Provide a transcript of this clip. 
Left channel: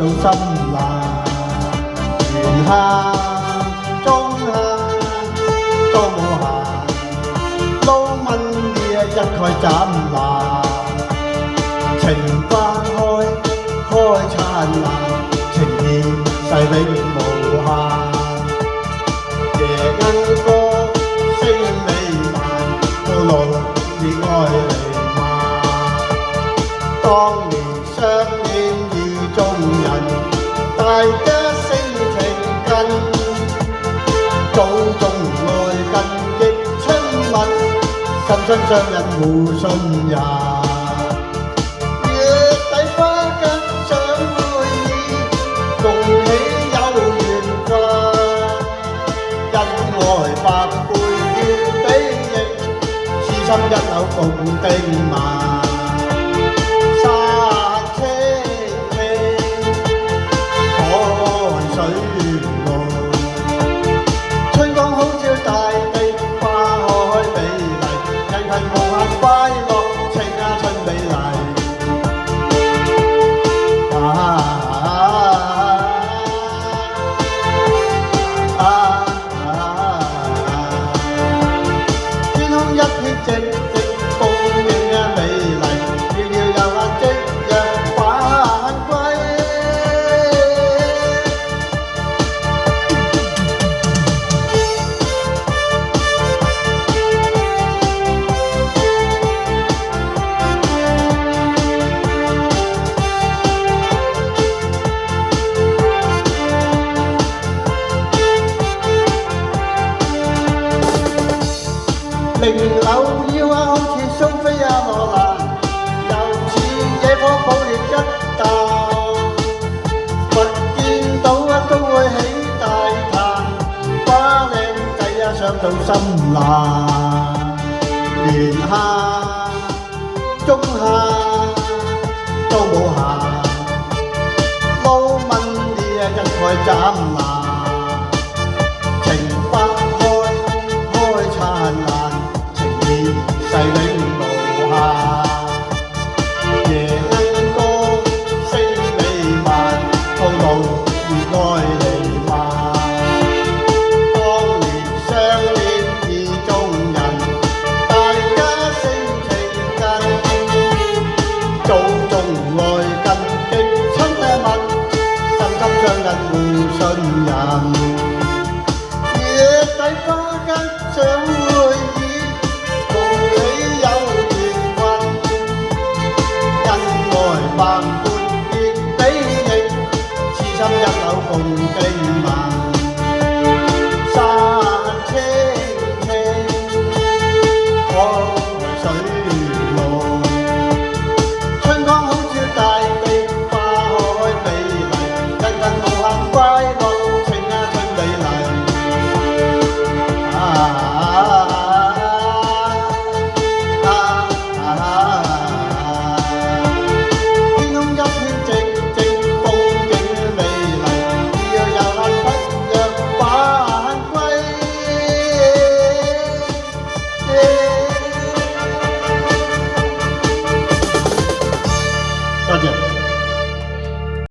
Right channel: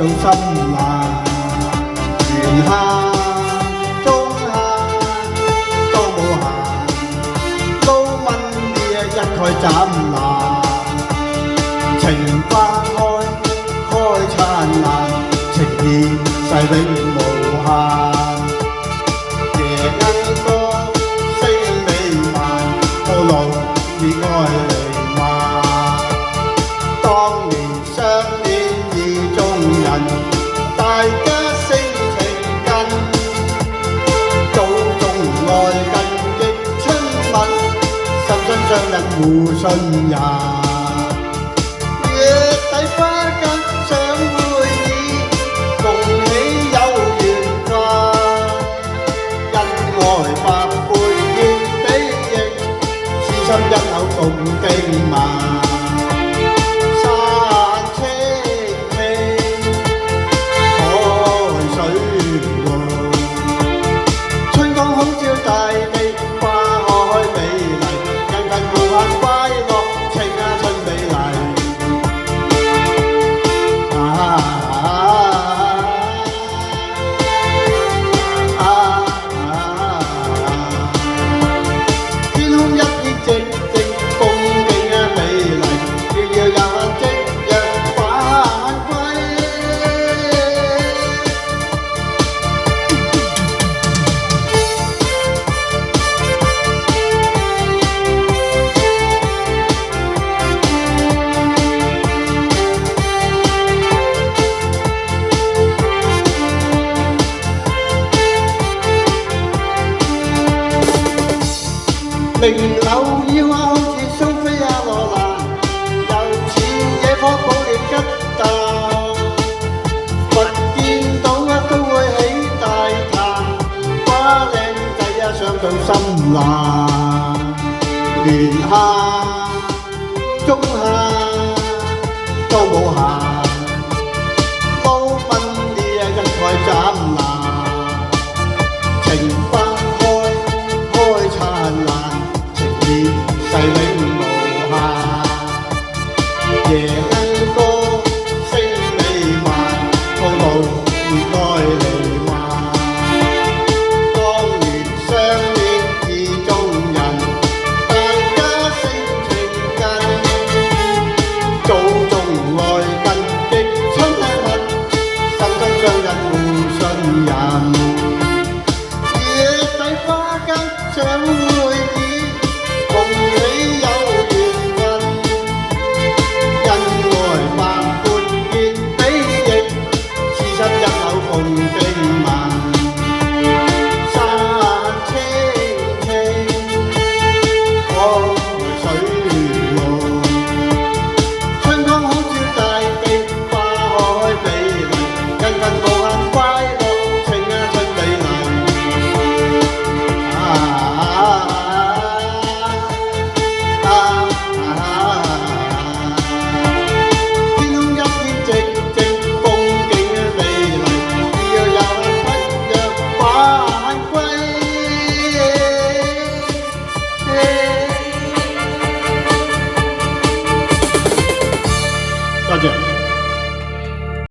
到心難。餘下中下當冇閒，都問嘢一概斬爛。情花開燦爛，情意勢永無限。夜鶯歌聲美漫，套路熱愛彌漫。當年相見意中人，大家性情近，早中愛近極親密，心心相印互信任。一口共叮萬，山青青，海水綠，春光好照大地，花開美麗，人群無限快樂，情春美麗。天空一片靜。名流要好似蘇菲亞羅蘭，又似野火抱亂吉鬥。佛見到都會起大壇，瓜靚仔想到心爛。連下